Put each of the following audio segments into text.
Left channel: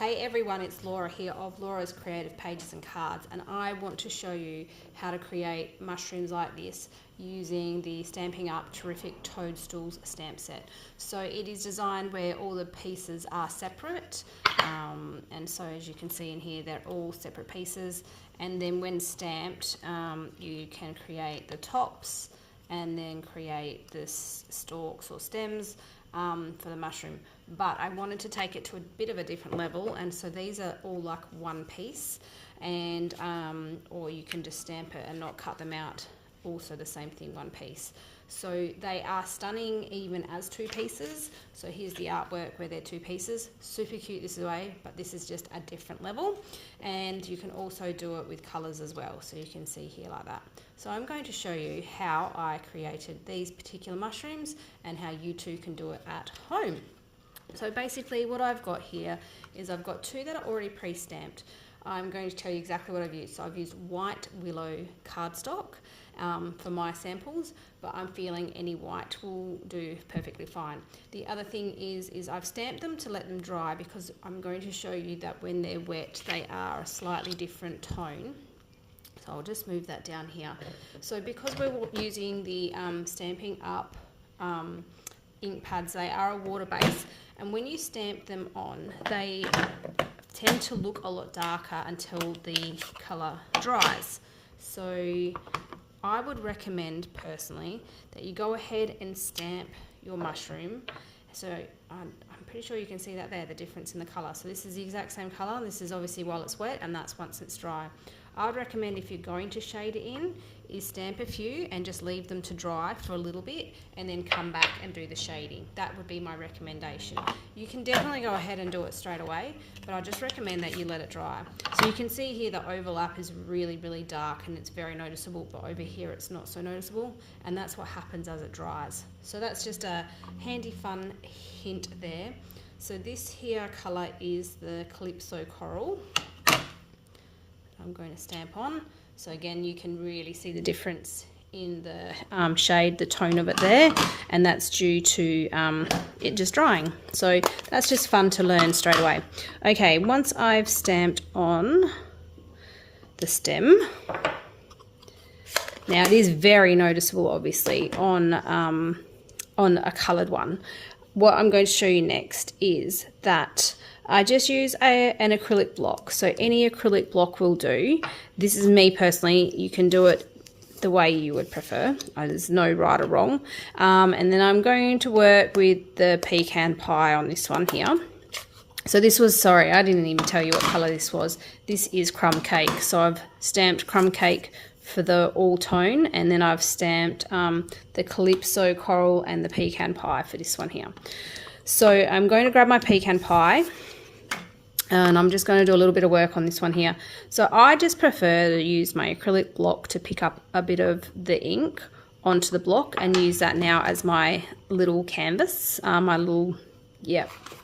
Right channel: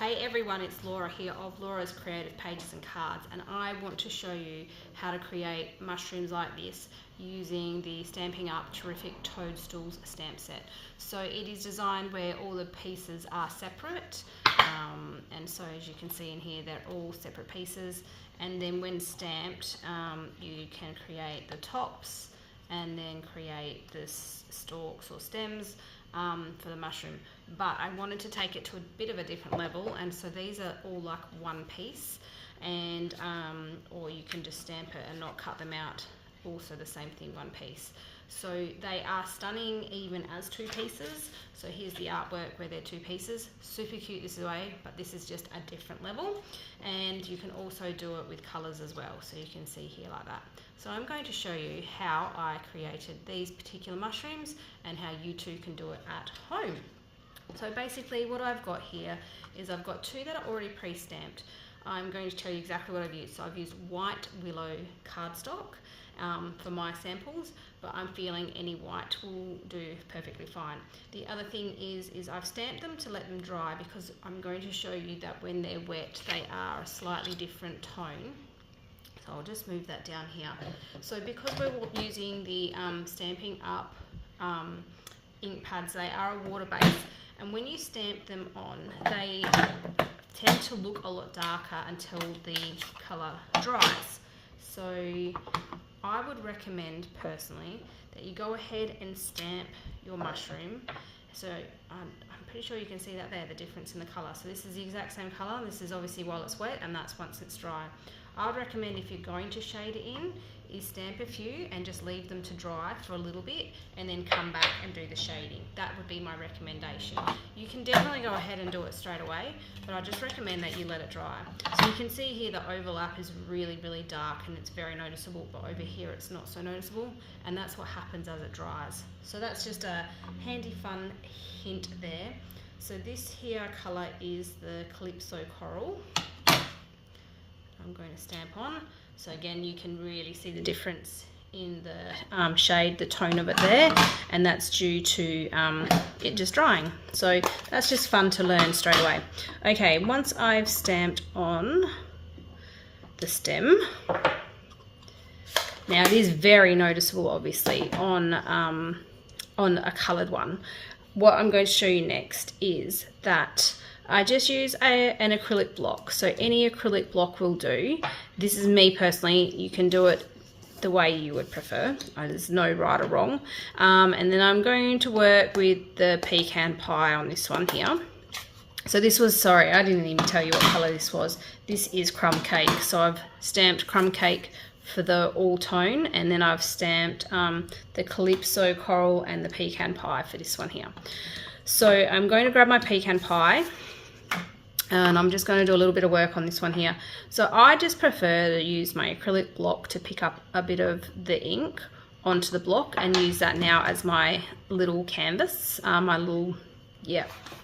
Hey everyone, it's Laura here of Laura's Creative Pages and Cards, and I want to show you how to create mushrooms like this using the Stampin' Up Terrific Toadstools stamp set. So it is designed where all the pieces are separate, and so as you can see in here, they're all separate pieces, and then when stamped, you can create the tops and then create the stalks or stems for the mushroom. But I wanted to take it to a bit of a different level, and so these are all like one piece, and or you can just stamp it and not cut them out, also the same thing, one piece. So they are stunning even as two pieces. So here's the artwork where they're two pieces, super cute this way, but this is just a different level, and you can also do it with colors as well, so you can see here like that. So I'm going to show you how I created these particular mushrooms and how you too can do it at home. So basically what I've got here is I've got two that are already pre-stamped. I'm going to tell you exactly what I've used. So I've used white willow cardstock for my samples, but I'm feeling any white will do perfectly fine. The other thing is I've stamped them to let them dry, because I'm going to show you that when they're wet they are a slightly different tone. So I'll just move that down here. So because we're using the Stampin' Up ink pads, they are a water base, and when you stamp them on, they tend to look a lot darker until the colour dries. So I would recommend personally that you go ahead and stamp your mushroom. So I'm pretty sure you can see that there, the difference in the colour. So this is the exact same colour. This is obviously while it's wet, and that's once it's dry. I would recommend, if you're going to shade it in, is stamp a few and just leave them to dry for a little bit and then come back and do the shading. That would be my recommendation. You can definitely go ahead and do it straight away, but I just recommend that you let it dry. So you can see here the overlap is really, really dark and it's very noticeable, but over here it's not so noticeable, and that's what happens as it dries. So that's just a handy fun hint there. So this here colour is the Calypso Coral. I'm going to stamp on. So again, you can really see the difference in the shade, the tone of it there, and that's due to it just drying. So that's just fun to learn straight away. Okay, once I've stamped on the stem, now it is very noticeable obviously on a coloured one. What I'm going to show you next is that I just use an acrylic block. So any acrylic block will do. This is me personally. You can do it the way you would prefer. There's no right or wrong. And then I'm going to work with the pecan pie on this one here. So this was, sorry, I didn't even tell you what colour this was. This is Crumb Cake. So I've stamped Crumb Cake for the all tone, and then I've stamped the Calypso Coral and the pecan pie for this one here. So I'm going to grab my pecan pie, and I'm just going to do a little bit of work on this one here. So I just prefer to use my acrylic block to pick up a bit of the ink onto the block and use that now as my little canvas, my little,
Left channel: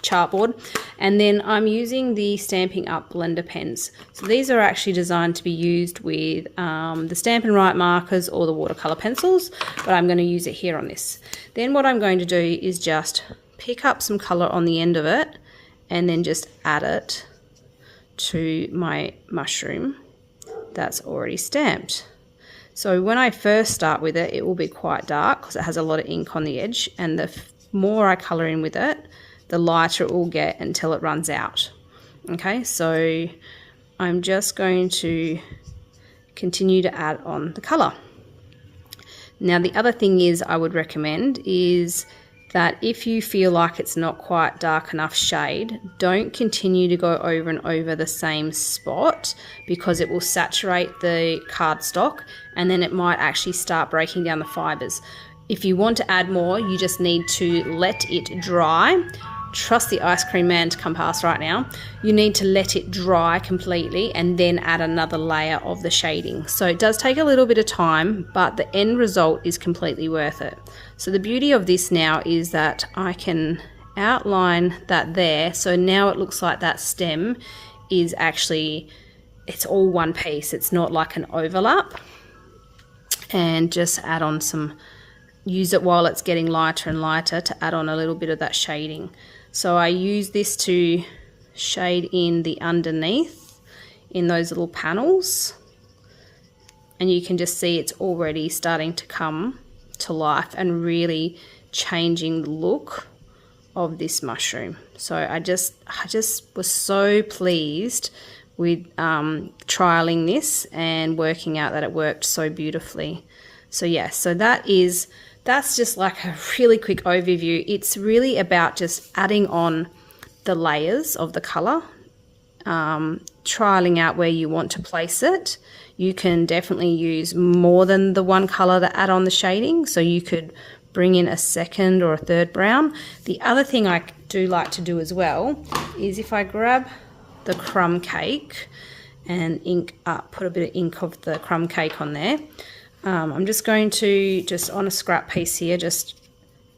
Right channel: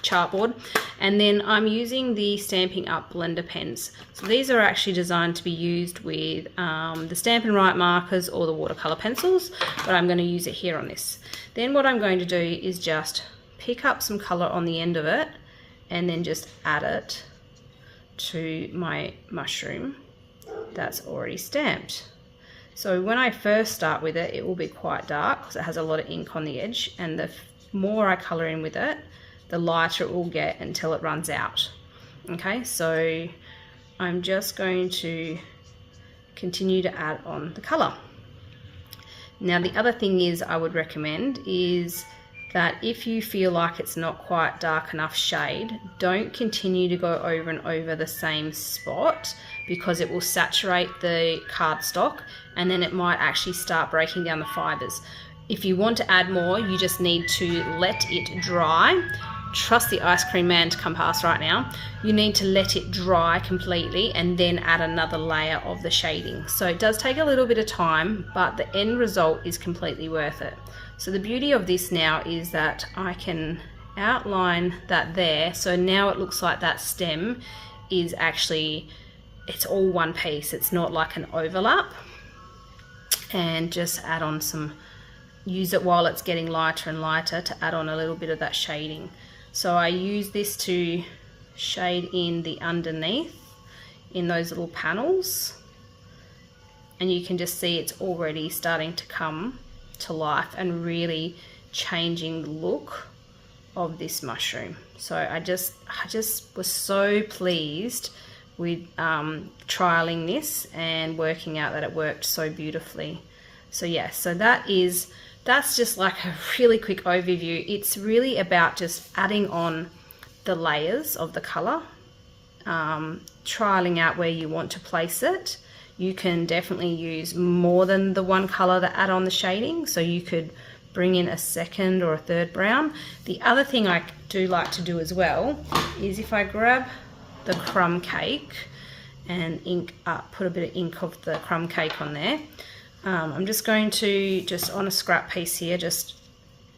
chartboard. And then I'm using the Stampin' Up blender pens. So these are actually designed to be used with the Stampin' Right markers or the watercolor pencils, but I'm going to use it here on this. Then what I'm going to do is just pick up some color on the end of it and then just add it to my mushroom that's already stamped. So when I first start with it, it will be quite dark because it has a lot of ink on the edge, and the more I color in with it, the lighter it will get until it runs out. Okay, so I'm just going to continue to add on the color. Now the other thing is I would recommend is that if you feel like it's not quite dark enough shade, don't continue to go over and over the same spot, because it will saturate the cardstock and then it might actually start breaking down the fibers. If you want to add more, you just need to let it dry. Trust the ice cream man to come past right now. You need to let it dry completely and then add another layer of the shading. So it does take a little bit of time, but the end result is completely worth it. So the beauty of this now is that I can outline that there. So now it looks like that stem is actually, it's all one piece. It's not like an overlap. And just add on some, use it while it's getting lighter and lighter to add on a little bit of that shading. So I use this to shade in the underneath in those little panels, and you can just see it's already starting to come to life and really changing the look of this mushroom. So I just was so pleased with trialing this and working out that it worked so beautifully. So yeah, so that's just like a really quick overview. It's really about just adding on the layers of the color, trialing out where you want to place it. You can definitely use more than the one color to add on the shading, so you could bring in a second or a third brown. The other thing I do like to do as well is if I grab the crumb cake and put a bit of ink of the crumb cake on there, I'm just going to, just on a scrap piece here, just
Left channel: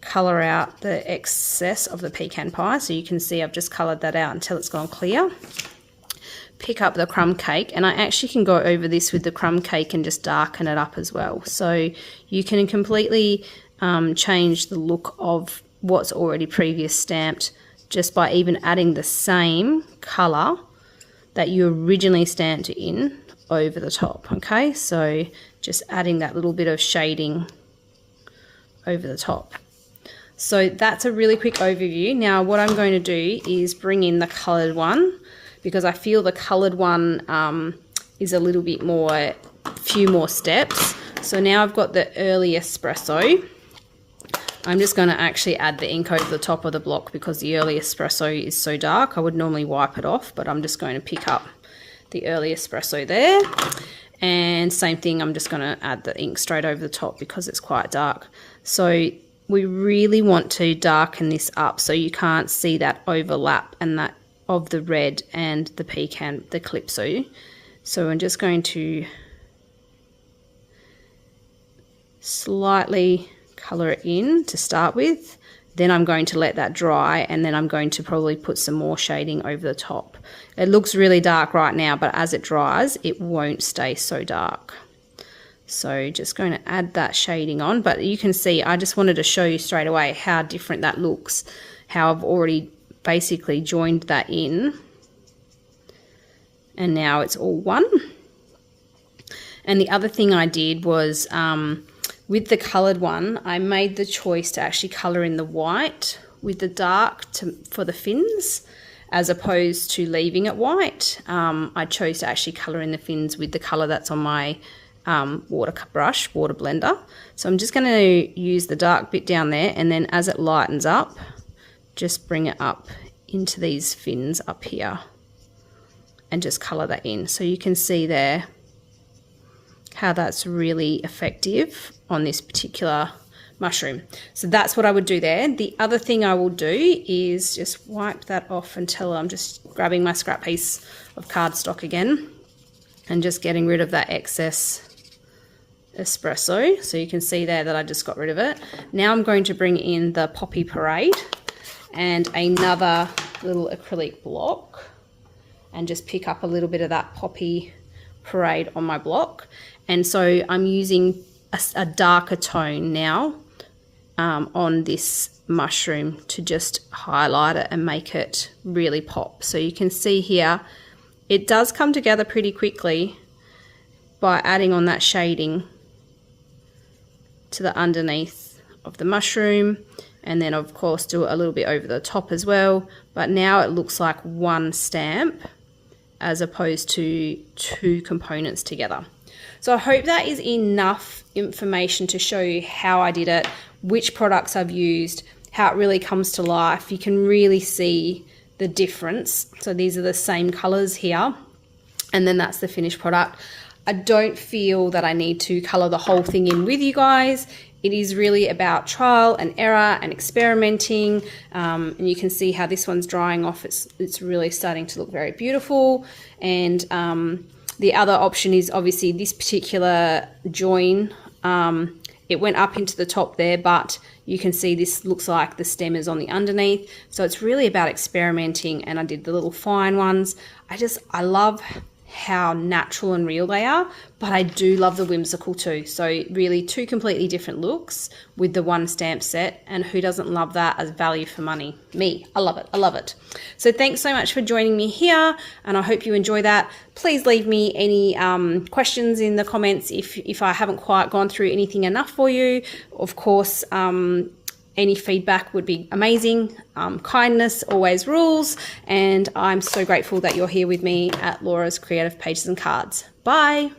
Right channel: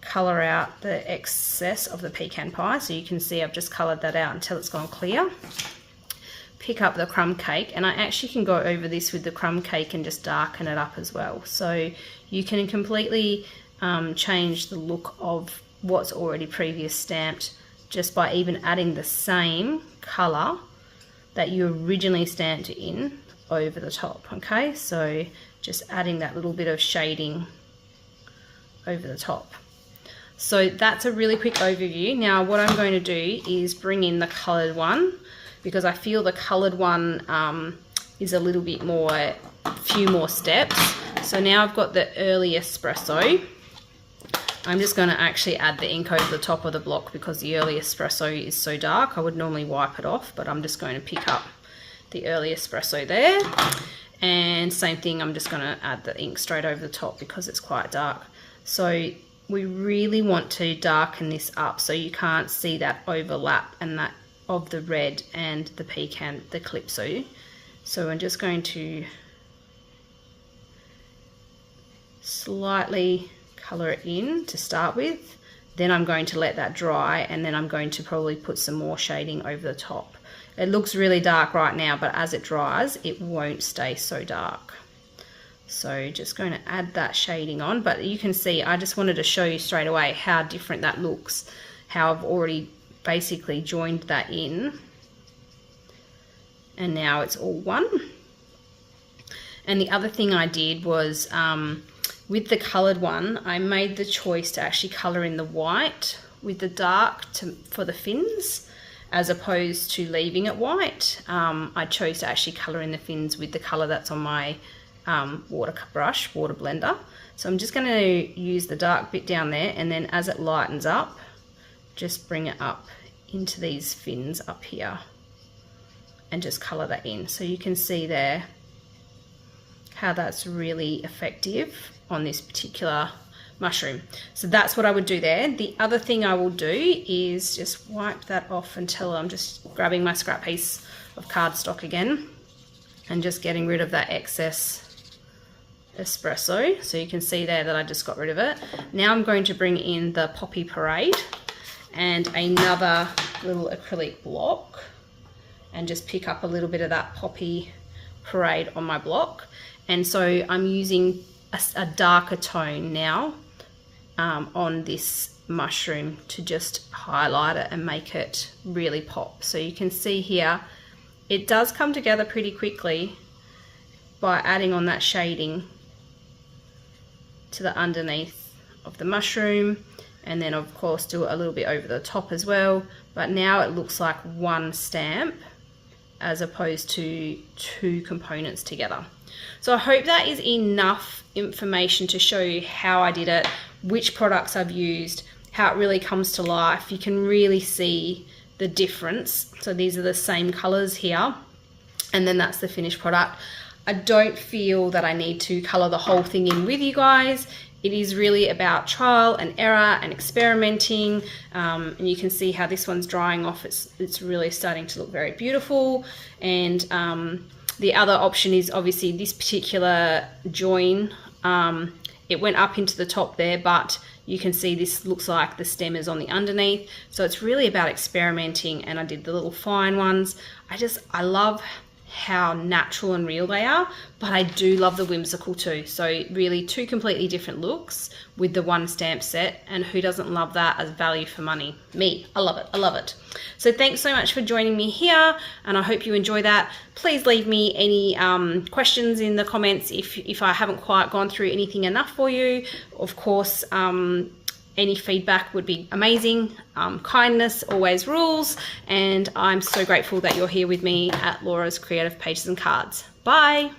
color out the excess of the pecan pie. So you can see I've just colored that out until it's gone clear. Pick up the crumb cake, and I actually can go over this with the crumb cake and just darken it up as well. So you can completely change the look of what's already previous stamped just by even adding the same color that you originally stamped in over the top. Okay, so just adding that little bit of shading over the top. So that's a really quick overview. Now what I'm going to do is bring in the colored one, because I feel the colored one is a little bit more, few more steps. So now I've got the early espresso. I'm just going to actually add the ink over the top of the block because the early espresso is so dark. I would normally wipe it off, but I'm just going to pick up the early espresso there. And same thing, I'm just going to add the ink straight over the top because it's quite dark. So we really want to darken this up so you can't see that overlap and that of the red and the pecan, the calypso. So I'm just going to slightly color it in to start with, then I'm going to let that dry, and then I'm going to probably put some more shading over the top. It looks really dark right now, but as it dries it won't stay so dark. So just going to add that shading on, but you can see I just wanted to show you straight away how different that looks, how I've already basically joined that in and now it's all one. And the other thing I did was with the colored one, I made the choice to actually color in the white with the dark for the fins, as opposed to leaving it white. I chose to actually color in the fins with the color that's on my water blender. So I'm just going to use the dark bit down there, and then as it lightens up, just bring it up into these fins up here and just color that in. So you can see there how that's really effective on this particular mushroom. So that's what I would do there. The other thing I will do is just wipe that off until I'm just grabbing my scrap piece of cardstock again and just getting rid of that excess espresso. So you can see there that I just got rid of it. Now I'm going to bring in the Poppy Parade and another little acrylic block and just pick up a little bit of that Poppy Parade on my block. And so I'm using a darker tone now on this mushroom to just highlight it and make it really pop. So you can see here it does come together pretty quickly by adding on that shading to the underneath of the mushroom, and then of course do it a little bit over the top as well. But now it looks like one stamp as opposed to two components together. So I hope that is enough information to show you how I did it, which products I've used, how it really comes to life. You can really see the difference. So these are the same colors here, and then that's the finished product. I don't feel that I need to color the whole thing in with you guys. It is really about trial and error and experimenting, and you can see how this one's drying off. It's really starting to look very beautiful. And the other option is obviously this particular join. It went up into the top there, but you can see this looks like the stem is on the underneath. So it's really about experimenting, and I did the little fine ones. I love how natural and real they are, but I do love the whimsical too. So really two completely different looks with the one stamp set, and who doesn't love that as value for money? Me, I love it, I love it. So thanks so much for joining me here, and I hope you enjoy that. Please leave me any questions in the comments if I haven't quite gone through anything enough for you. Of course, any feedback would be amazing. Kindness always rules, and I'm so grateful that you're here with me at Laura's Creative Pages and Cards. Bye.